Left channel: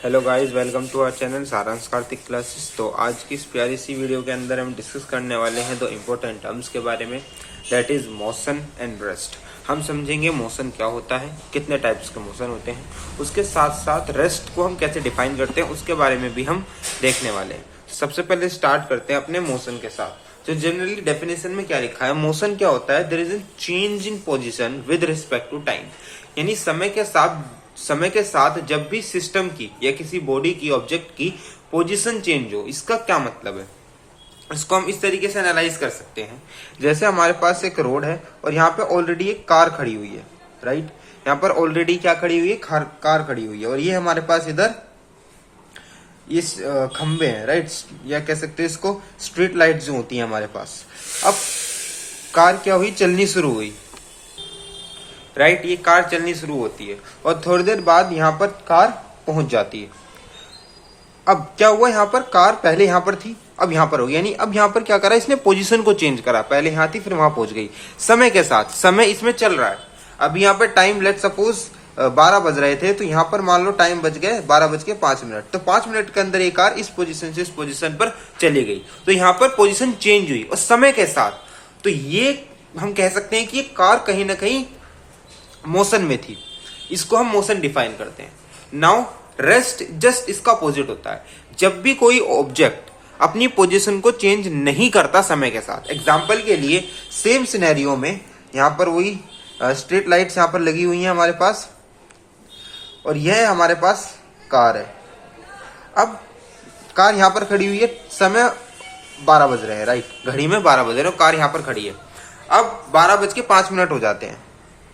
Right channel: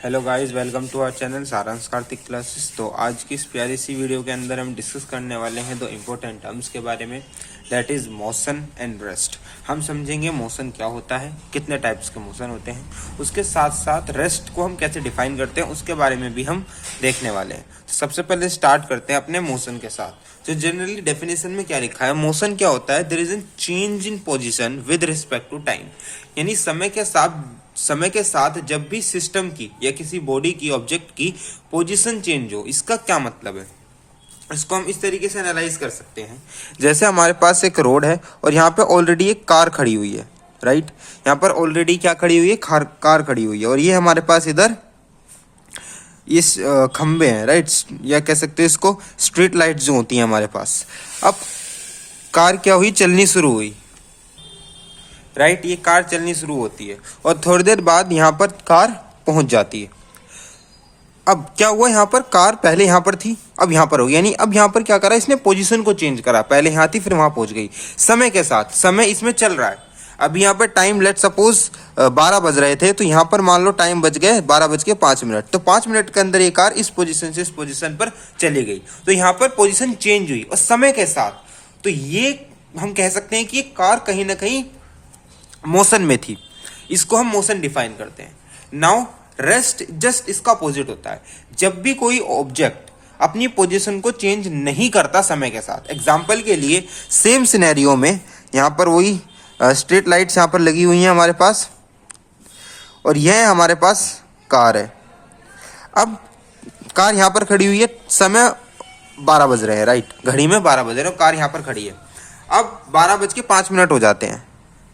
Hello guys, welcome to our channel Saransh Kartik classes. तो आज की इस प्यारी सी वीडियो के अंदर हम डिस्कस करने वाले हैं दो इम्पोर्टेंट टर्म्स के बारे में, that is motion and rest. हम समझेंगे मोशन क्या होता है, कितने टाइप्स के मोशन होते हैं, उसके साथ साथ रेस्ट को हम कैसे डिफाइन करते हैं उसके बारे में भी हम देखने वाले हैं। सबसे पहले स्टार्ट करते हैं अपने मोशन के साथ। तो जनरली डेफिनेशन में क्या लिखा है, मोशन क्या होता है, there is an change in position with respect to time. यानी समय के साथ जब भी सिस्टम की या किसी बॉडी की, ऑब्जेक्ट की पोजीशन चेंज हो, इसका क्या मतलब है, इसको हम इस तरीके से एनालाइज कर सकते हैं। जैसे हमारे पास एक रोड है और यहाँ पे ऑलरेडी एक कार खड़ी हुई है, राइट। यहाँ पर ऑलरेडी क्या खड़ी हुई है, कार खड़ी हुई है, और ये हमारे पास इधर इस खंबे हैं, राइट, या कह सकते हैं इसको स्ट्रीट लाइट जो होती है हमारे पास। अब कार क्या हुई, चलनी शुरू हुई, राइट। ये कार चलनी शुरू होती है और थोड़ी देर बाद यहाँ पर कार पहुंच जाती है। अब क्या हुआ, यहाँ पर कार पहले यहाँ पर थी, अब यहाँ पर हो गई। यानी अब यहाँ पर क्या करा, इसने पोजीशन को चेंज करा, पहले यहाँ थी फिर वहां पहुंच गई। समय के साथ समय इसमें चल रहा है। अब यहाँ पर टाइम लेट सपोज 12 बज रहे थे, तो यहाँ पर मान लो टाइम बज गए 12:05। तो 5 मिनट के अंदर ये कार इस पोजीशन से इस पोजीशन पर चली गई। तो यहाँ पर पोजीशन चेंज हुई और समय के साथ। तो ये हम कह सकते हैं कि ये कार कहीं ना कहीं मोशन में थी, इसको हम मोशन डिफाइन करते हैं। नाउ रेस्ट जस्ट इसका अपोजिट होता है, जब भी कोई ऑब्जेक्ट अपनी पोजीशन को चेंज नहीं करता समय के साथ। एग्जांपल के लिए सेम सिनेरियो में यहाँ पर वही स्ट्रीट लाइट्स यहाँ पर लगी हुई हैं हमारे पास, और यह हमारे पास कार है। अब कार यहाँ पर खड़ी हुई है, समय 12 बज रहे हैं, राइट, घड़ी में 12 बज रहे हैं और कार यहाँ पर खड़ी है। अब 12:05 हो जाते हैं,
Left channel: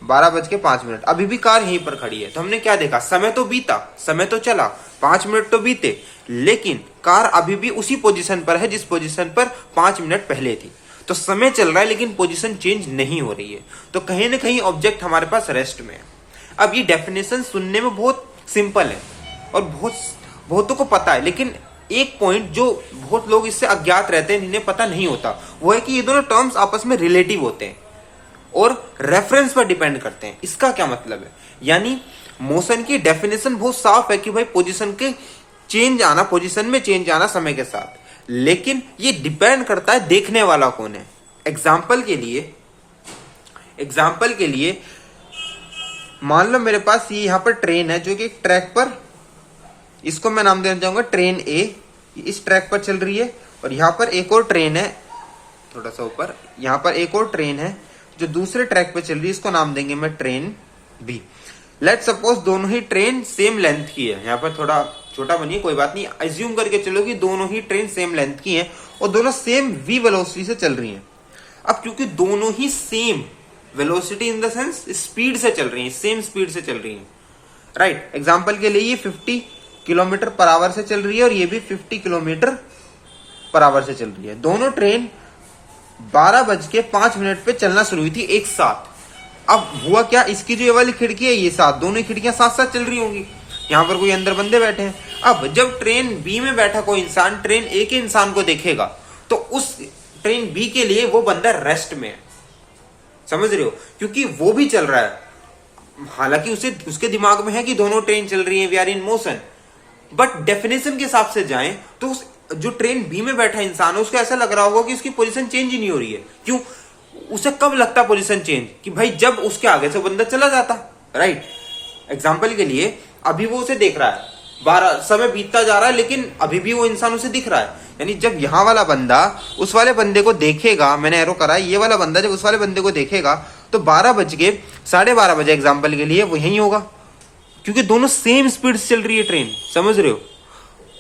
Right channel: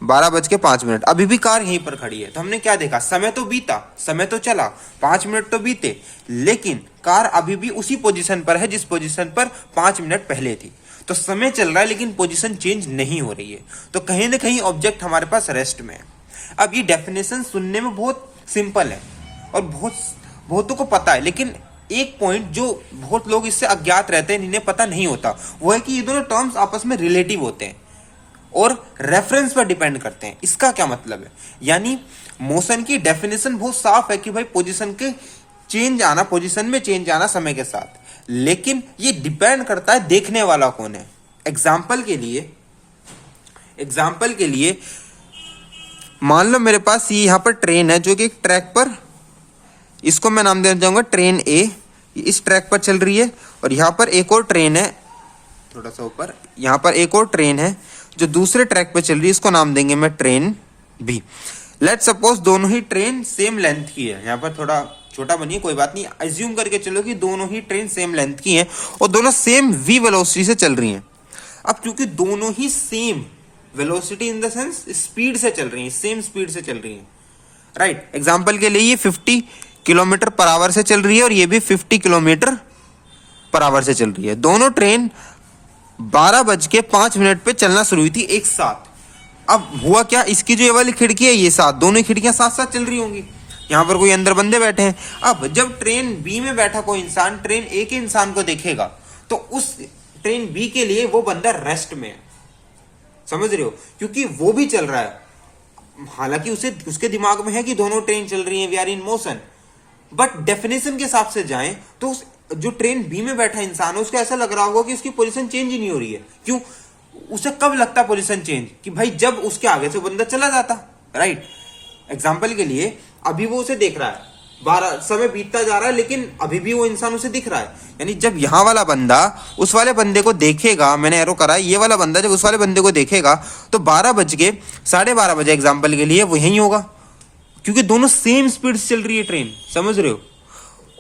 12:05, अभी भी कार यहीं पर खड़ी है। तो हमने क्या देखा, समय तो बीता, समय तो चला, 5 मिनट तो बीते, लेकिन कार अभी भी उसी पोजीशन पर है जिस पोजीशन पर 5 मिनट पहले थी। तो समय चल रहा है लेकिन पोजीशन चेंज नहीं हो रही है। तो कहीं ना कहीं ऑब्जेक्ट हमारे पास रेस्ट में है। अब ये डेफिनेशन सुनने में बहुत सिंपल है और बहुतों को पता है, लेकिन एक पॉइंट जो बहुत लोग इससे अज्ञात रहते हैं, इन्हें पता नहीं होता, वो है कि ये दोनों टर्म्स आपस में रिलेटिव होते हैं और रेफरेंस पर डिपेंड करते हैं। इसका क्या मतलब है, यानी मोशन की डेफिनेशन बहुत साफ है कि भाई पोजीशन के चेंज आना, पोजीशन में चेंज आना समय के साथ, लेकिन ये डिपेंड करता है देखने वाला कौन है। एग्जाम्पल के लिए मान लो मेरे पास ये यहाँ पर ट्रेन है जो कि एक ट्रैक पर, इसको मैं नाम देना चाहूंगा ट्रेन ए, इस ट्रैक पर चल रही है, और यहाँ पर एक और ट्रेन है थोड़ा सा ऊपर, यहाँ पर एक और ट्रेन है जो दूसरे ट्रैक पर चल रही है, इसको नाम देंगे मैं ट्रेन बी। लेट सपोज दोनों ही ट्रेन सेम लेंथ की है, यहाँ पर थोड़ा छोटा बनिए कोई बात नहीं, अज्यूम करके चलो कि दोनों ही ट्रेन सेम लेंथ की है और दोनों सेम वी वेलोसिटी से चल रही हैं। अब क्योंकि दोनों ही same velocity in the sense speed से चल रही हैं, सेम स्पीड से चल रही हैं, राइट। एग्जाम्पल के लिए ये 50 किलोमीटर पर आवर से चल रही है और ये भी 50 किलोमीटर पर आवर से चल रही है। दोनों ट्रेन 12:05 पे चलना शुरू हुई थी एक साथ। अब हुआ क्या, इसकी जो ये वाली खिड़की है, ये साथ, दोनों खिड़कियां साथ साथ चल रही होंगी, यहाँ पर कोई अंदर बंदे बैठे हैं। अब जब ट्रेन बी में बैठा कोई इंसान ट्रेन ए के इंसान को देखेगा, तो उस ट्रेन बी के लिए वो बंदा रेस्ट में है, समझ रहे हो, क्योंकि वो भी चल रहा है। हालांकि उसके दिमाग में है कि दोनों ट्रेन चल रही है, we are in motion, but definition के हिसाब से जाएं तो जो ट्रेन बी में बैठा इंसान है उसको ऐसा लग रहा होगा कि उसकी पोजीशन चेंज ही नहीं हो रही है। क्यों, उसे कब लगता पोजीशन चेंज, कि भाई जब उसके आगे से बंदा चला जाता, राइट। एग्जांपल के लिए अभी वो उसे देख रहा है, 12 समय बीतता जा रहा है लेकिन अभी भी वो इंसान उसे दिख रहा है। यानी जब यहाँ वाला बंदा उस वाले बंदे को देखेगा, मैंने एरो करा, ये वाला बंदा जब उस वाले बंदे को देखेगा तो 12:30 एग्जाम्पल के लिए वो यही होगा, क्योंकि दोनों सेम स्पीड से चल रही है ट्रेन, समझ रहे हो।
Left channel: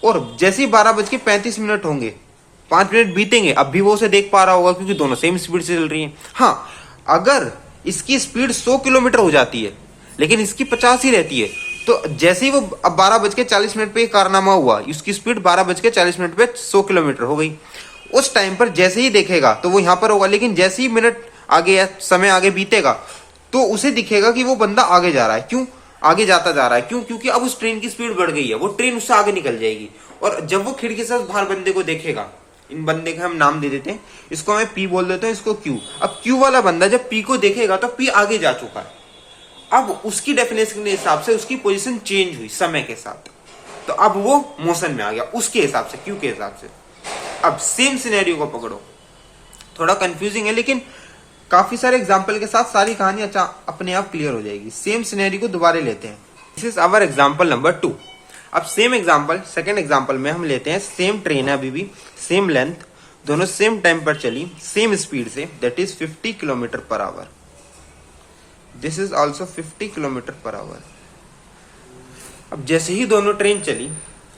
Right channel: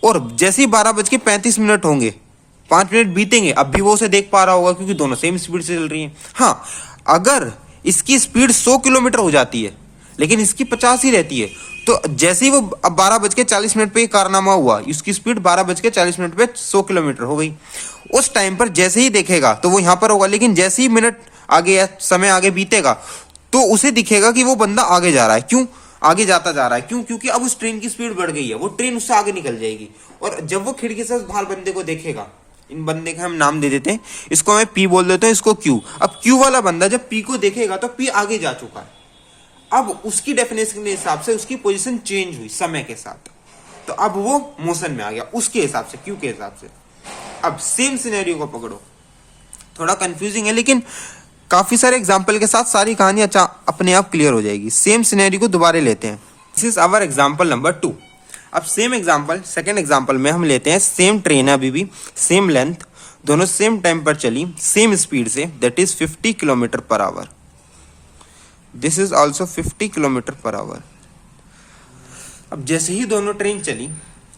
और जैसे ही 12:35 होंगे, 5 मिनट बीतेंगे, अब भी वो उसे देख पा रहा होगा क्योंकि दोनों सेम स्पीड से चल रही हैं। हाँ, अगर इसकी स्पीड 100 किलोमीटर हो जाती है लेकिन इसकी 50 ही रहती है, तो जैसे ही वो अब 12:40 पे कारनामा हुआ, उसकी स्पीड 12:40 पे 100 किलोमीटर हो गई। उस टाइम पर जैसे ही देखेगा तो वो यहां पर होगा, लेकिन जैसे ही मिनट आगे या समय आगे बीतेगा तो उसे दिखेगा कि वो बंदा आगे जा रहा है। क्यों आगे जाता जा रहा है, क्यों, क्योंकि अब उस ट्रेन की स्पीड बढ़ गई है, वो ट्रेन उससे आगे निकल जाएगी। और जब वो खिड़की से बाहर बंदे को देखेगा, इन बंदे का हम नाम दे देते हैं, इसको मैं पी बोल देता हूं, इसको क्यू। अब क्यू वाला बंदा जब पी को देखेगा तो पी आगे जा चुका है, अब उसकी डेफिनेशन के हिसाब से उसकी पोजीशन चेंज हुई समय के साथ। तो अब वो मोशन में आ गया उसके हिसाब से, क्यू के हिसाब से। अब सेम सिनेरियो को पकड़ो, थोड़ा कंफ्यूजिंग है लेकिन काफी सारे एग्जाम्पल के साथ सारी कहानी अपने आप क्लियर हो जाएगी। सेम सिनेरियो को दोबारा लेते हैं। This is our example number 2। अब सेम एग्जाम्पल, सेकेंड एग्जाम्पल में हम लेते हैं सेम ट्रेन है, अभी भी सेम लेंथ, दोनों सेम टाइम पर चली, सेम स्पीड से, that is 50 kilometre per hour. This is also 50 kilometre per hour. अब जैसे ही दोनों ट्रेन चली,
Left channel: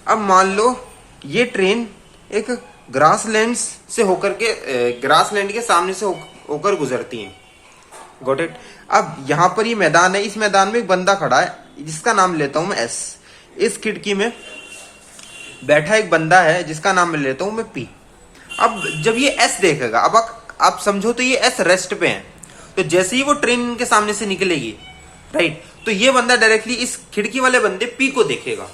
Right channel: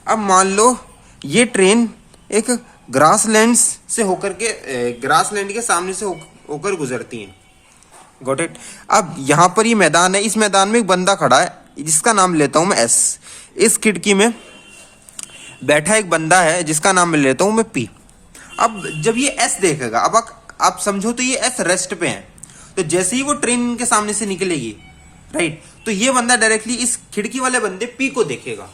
अब मान लो ये ट्रेन एक ग्रासलैंड से होकर के, ग्रासलैंड के सामने से होकर गुजरती है। Got it. अब यहाँ पर ये मैदान है, इस मैदान में एक बंदा खड़ा है जिसका नाम लेता हूं मैं एस। इस खिड़की में बैठा एक बंदा है जिसका नाम मैं लेता हूं मैं पी। अब जब ये एस देखेगा, अब आप समझो तो ये एस रेस्ट पे है, तो जैसे ही वो ट्रेन के सामने से निकलेगी, राइट, तो ये बंदा डायरेक्टली इस खिड़की वाले बंदे पी को देखेगा।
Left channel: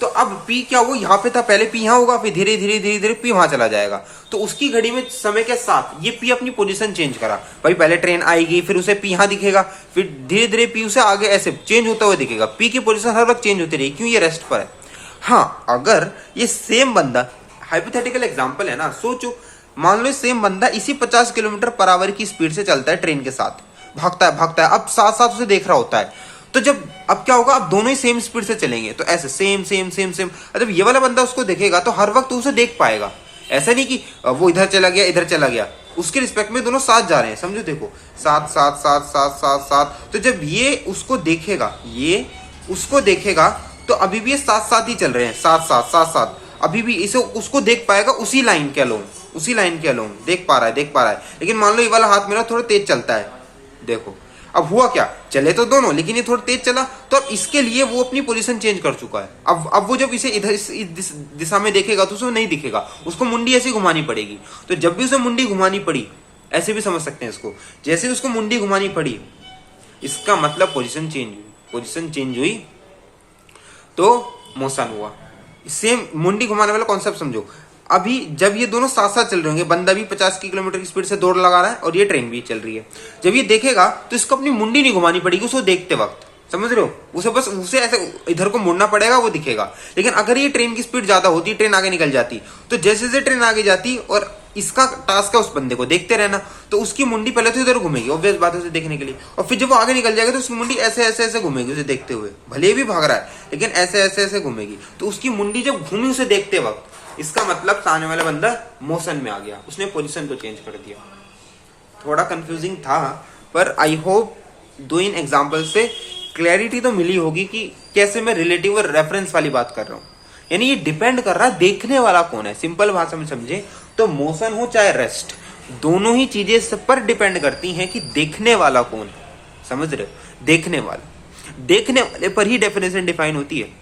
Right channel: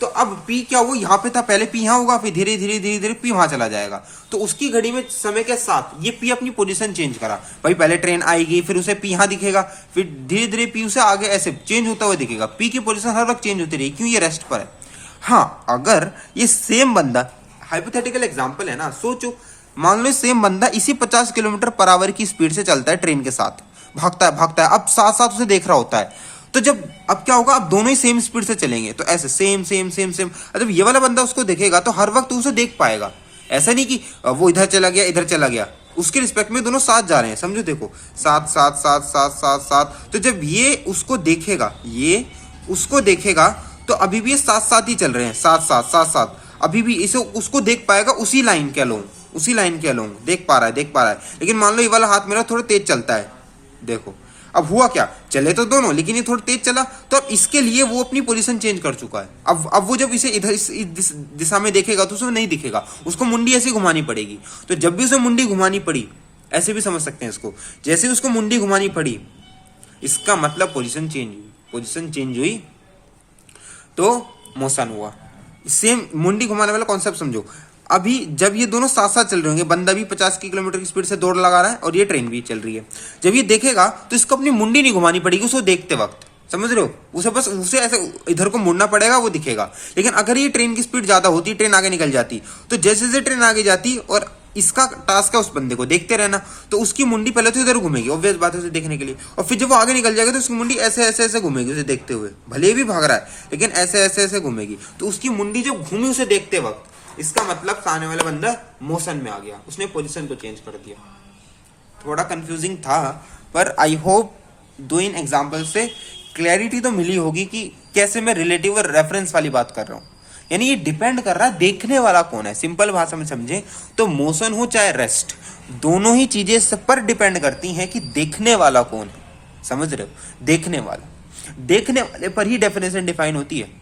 तो अब पी क्या, वो यहाँ पे था, पहले पी यहाँ होगा, फिर धीरे धीरे धीरे धीरे पी वहां चला जाएगा। तो उसकी घड़ी में समय के साथ ये पी अपनी पोजीशन चेंज करा। भाई पहले ट्रेन आएगी, फिर उसे पी यहाँ दिखेगा, फिर धीरे धीरे पी उसे आगे ऐसे चेंज होता हुआ दिखेगा। पी की पोजीशन हर वक्त चेंज होती रहेगी, क्यों, ये रेस्ट पर है। हाँ, अगर ये सेम बंदा, हाइपोथेटिकल एग्जाम्पल है ना, सोचो मान लो सेम बंदा इसी 50 किलोमीटर पर आवर की स्पीड से चलता है, ट्रेन के साथ भागता है, अब साथ साथ उसे देख रहा होता है। तो जब अब क्या होगा, अब दोनों ही सेम स्पीड से चलेंगे, तो ऐसे सेम सेम सेम सेम। जब ये वाला बंदा उसको देखेगा तो हर वक्त उसे देख पाएगा। ऐसा नहीं कि वो इधर चला गया इधर चला गया, उसके रिस्पेक्ट में दोनों साथ जा रहे हैं, समझो, देखो साथ साथ साथ साथ साथ साथ। तो जब ये उसको देखेगा, ये उसको देखेगा, तो अभी भी ये साथ साथ ही चल रहे हैं, साथ साथ साथ साथ, अभी भी इसे उसको देख पाएगा, उसी लाइन के अलोंग, उसी लाइन के अलोंग देख पा रहा है। लेकिन मान लो ये वाला हाथ मेरा थोड़ा तेज चलता है, देखो अब हुआ क्या, चले तो दोनों, लेकिन ये थोड़ा तेज चला, तो अब इसके लिए वो अपनी पोजीशन चेंज कर चुका है। अब वो जब इसे इधर इस दिशा में देखेगा तो उसे नहीं दिखेगा, उसको मुंडी ऐसी घुमानी पड़ेगी। तो जब भी उसे मुंडी घुमानी पड़ी, ऐसे भी समझ सकते हैं इसको, जैसे उसको मुंडी घुमानी पड़ी, इसका मतलब पोजीशन चेंज हुई। पोजीशन चेंज हुई तो मोशन हुआ। सेम मुंडी घुमाने वाला कॉन्सेप्ट समझो। अभी जब ये दोनों साथ साथ चल रहे होंगे, बंदा भी 50 किलोमीटर की स्पीड से दौड़ लगा रहा है और ये ट्रेन भी चल रही है, जब ये देखेगा तो इसको अपनी मुंडी नहीं घुमानी पड़ेगी उसको देखते वक्त, समझ रहे हो, उसे बस उसे ऐसे इधर को मुड़ना पड़ेगा, वो दिखेगा। लेकिन अगर ये ट्रेन की स्पीड ज्यादा होती, ट्रेन आगे निकल जाती, तो जैसे जैसे ट्रेन आगे जाती और इसका टास्क है उस बंदे को देखते रहना, तो उसकी मुंडी पहले तो इधर घूमेगी, ऑब्वियस बात है, उसे देखने के लिए, और फिर जब वो आगे निकल जाएगा तो उसकी मुंडी ऐसे ऐसे ऐसे घूमेगी उसे देखते हुए, भले ही भी भाग रहा है लेकिन ऐसे ऐसे ऐसे घूमेगी। तो उसकी मुंडी जब घूमी उसे देखते वक्त, इसका मतलब सामने वाला बंदा मोशन में आ गया, उसने पोजीशन को चेंज कर दिया। थोड़ा कंफ्यूजिंग था, पर आई होप दो इन एग्जांपल से क्लैरिटी तो मिली होगी कि कैसे मैं रिलेटिव और रेफरेंस वाली बात कर रहा हूं। यानी ये डिपेंड कर रहा है देखने वाला कौन है। सिंपल भाषा में समझे तो मोशन हो चाहे रेस्ट, दोनों ही चीजें इस पर डिपेंड करती हैं कि देखने वाला कौन है, समझ रहे हो, देखने वाले पर ही डेफिनेशन डिफाइन होती है।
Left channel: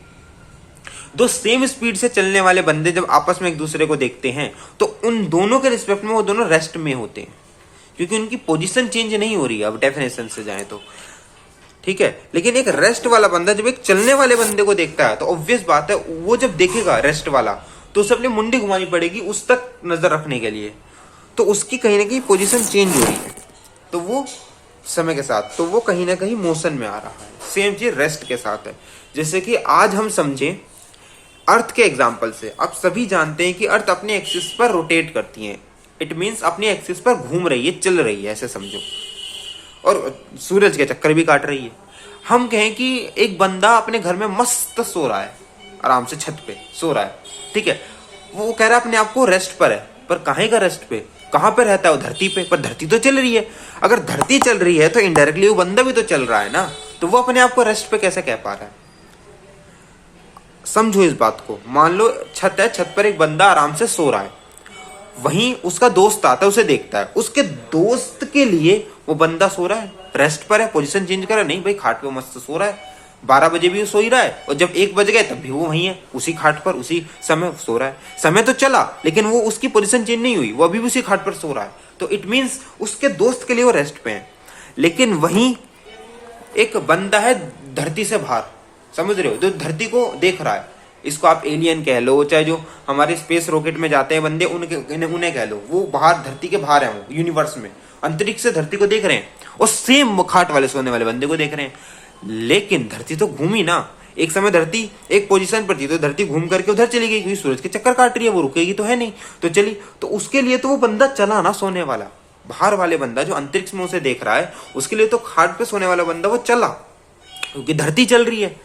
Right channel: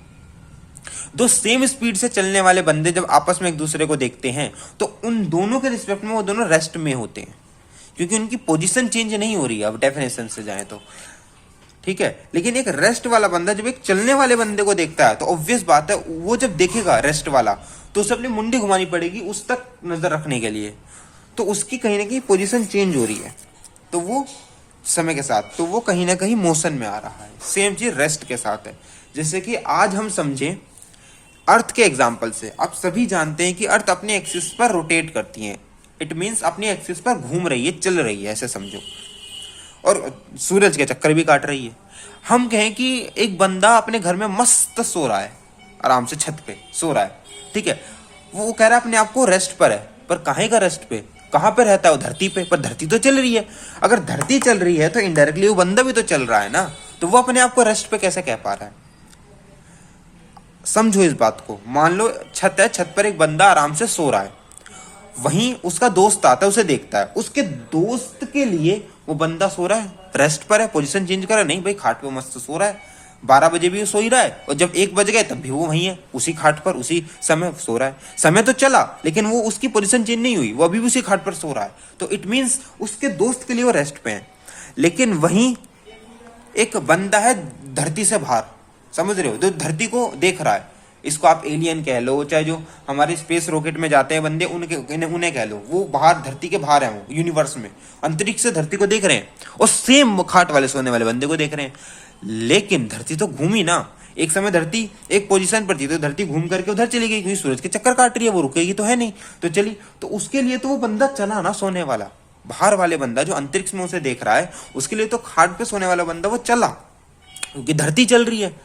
दो सेम स्पीड से चलने वाले बंदे जब आपस में एक दूसरे को देखते हैं तो उन दोनों के रिस्पेक्ट में वो दोनों रेस्ट में होते हैं, क्योंकि उनकी पोजीशन चेंज नहीं हो रही है। अब डेफिनेशन से जाए तो ठीक है, लेकिन एक रेस्ट वाला बंदा जब एक चलने वाले बंदे को देखता है तो ऑब्वियस बात है वो जब देखेगा रेस्ट वाला तो उसे अपनी मुंडी घुमानी पड़ेगी उस तक नजर रखने के लिए, तो उसकी कहीं ना कहीं पोजीशन चेंज हो रही है, तो वो समय के साथ तो वो कहीं ना कहीं मोशन में आ रहा है। सेम चीज रेस्ट के साथ है। जैसे कि आज हम समझें अर्थ के एग्जाम्पल से, आप सभी जानते हैं कि अर्थ अपने एक्सिस पर रोटेट करती है, इट मीन्स अपने एक्सिस पर घूम रही है, चल रही है, ऐसे समझो, और सूरज के चक्कर भी काट रही है। हम कहें कि एक बंदा अपने घर में मस्त सो रहा है, आराम से छत पे सो रहा है, ठीक है, वो कह रहा है अपने आप को रेस्ट पर है, पर काहे का रेस्ट पे, कहां पे रहता है वो, धरती पे, पर धरती तो चल रही है। अगर धरती चल रही है तो इनडायरेक्टली वो बंदा भी तो चल रहा है ना, तो वो अपने आप को रेस्ट पे कैसे कह पा रहा है। समझो इस बात को। मान लो छत है, छत पर एक बंदा आराम से सो रहा है, वहीं उसका दोस्त आता है, उसे देखता है, उसके दोस्त के लिए वो बंदा सो रहा है, रेस्ट पर है, पोजीशन चेंज कर रहा है, नहीं भाई खाट पे मस्त सो रहा है, 12 बजे भी वो सो ही रहा है, और जब 1 बज गए तब भी वो वहीं है, उसी खाट पर उसी समय सो रहा है। समय तो चला लेकिन वो उसकी पोजीशन चेंज नहीं हुई, वो अभी भी उसी खाट पर सो रहा है, तो इट मीन्स उसके दोस्त के लिए वो रेस्ट पे है। लेकिन वहीं एक बंदा है धरती से बाहर, समझ रहे हो, जो धरती को देख रहा है, इसको आप एलियन कह लो, चाहे जो हमारे स्पेस रॉकेट में जाते हैं बंदे उन्हें कह लो, वो बाहर धरती के बाहर है, वो यूनिवर्स में अंतरिक्ष से धरती को देख रहे हैं, और सेम खाट वाले सोने वाले बंदे को देख रहे हैं। लेकिन धरती तो घूमी ना, एक समय धरती एक पोजीशन पर थी, तो धरती घूम करके उधर चली गई, क्योंकि सूरज के चक्कर काट रही है, वो रुकेगी तो है नहीं, तो चली। तो उसके लिए तो वो बंदा चला ना, सोने वाला बाहर वाले बंदा जो अंतरिक्ष में उसे देख रहा है, उसके लिए तो खाट पे सोने वाला बंदा वो चला, क्योंकि धरती चल रही है।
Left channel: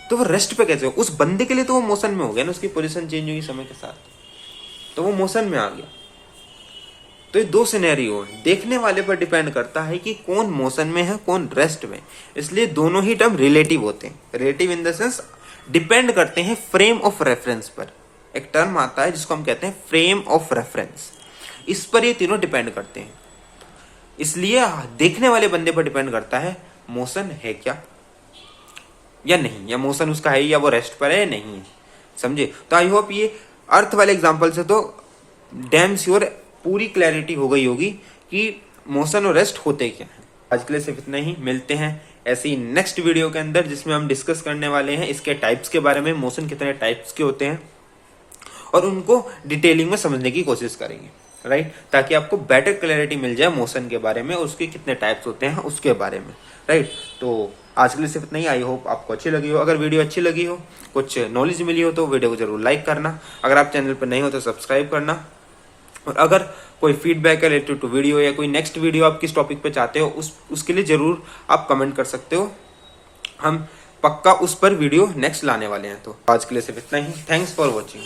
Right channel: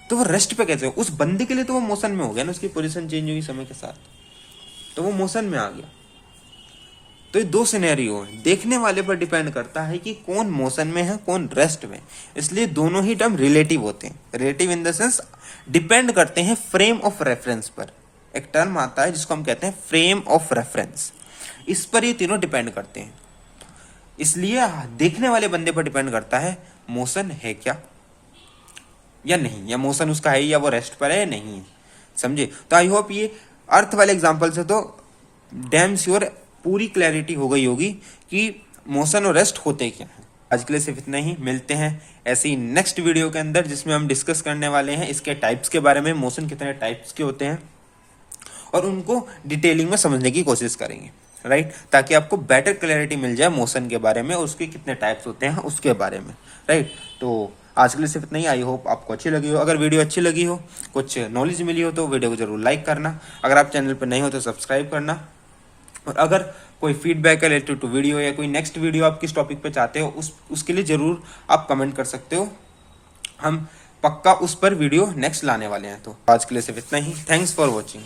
तो वो रेस्ट पे कैसे हो? उस बंदे के लिए तो वो मोशन में हो गया ना, उसकी पोजीशन चेंज हुई समय के साथ, तो वो मोशन में आ गया। तो ये दो सिनेरियो है, देखने वाले पर डिपेंड करता है कि कौन मोशन में है, कौन रेस्ट में। इसलिए दोनों ही टर्म रिलेटिव होते हैं। Relative in the sense depend करते हैं फ्रेम ऑफ रेफरेंस पर। एक टर्म आता है जिसको हम कहते हैं फ्रेम ऑफ रेफरेंस, इस पर ये तीनों डिपेंड करते हैं। इसलिए देखने वाले बंदे पर डिपेंड करता है मोशन है क्या या नहीं, या मोशन उसका है या वो रेस्ट पर है या नहीं है, समझे? तो आई होप ये अर्थ वाले एग्जांपल से तो डैम श्योर पूरी क्लैरिटी हो गई होगी कि मोशन और रेस्ट होते क्या है। आज के लिए सिर्फ इतना ही, मिलते हैं ऐसी नेक्स्ट वीडियो के अंदर जिसमें हम डिस्कस करने वाले हैं इसके टाइप्स के बारे में, मोशन कितने टाइप्स के होते हैं और उनको डिटेलिंग में समझने की कोशिश करेंगे, राइट? ताकि आपको बेटर क्लैरिटी मिल जाए मोशन के बारे में, उसके कितने टाइप्स होते हैं उसके बारे में, राइट? तो आज के लिए सिर्फ इतना ही। आई होप आपको अच्छी लगी हो। अगर वीडियो अच्छी लगी हो, कुछ नॉलेज मिली हो, तो वीडियो को जरूर लाइक करना। अगर आप चैनल पर नहीं हो तो सब्सक्राइब करना। और अगर कोई फीडबैक है रिलेटेड टू वीडियो या कोई नेक्स्ट वीडियो आप किस टॉपिक पे चाहते हो, उसके लिए जरूर आप कमेंट कर सकते हो। हम पक्का उस पर वीडियो नेक्स्ट लाने वाले हैं। तो आज के लिए सिर्फ इतना ही। Thanks for watching.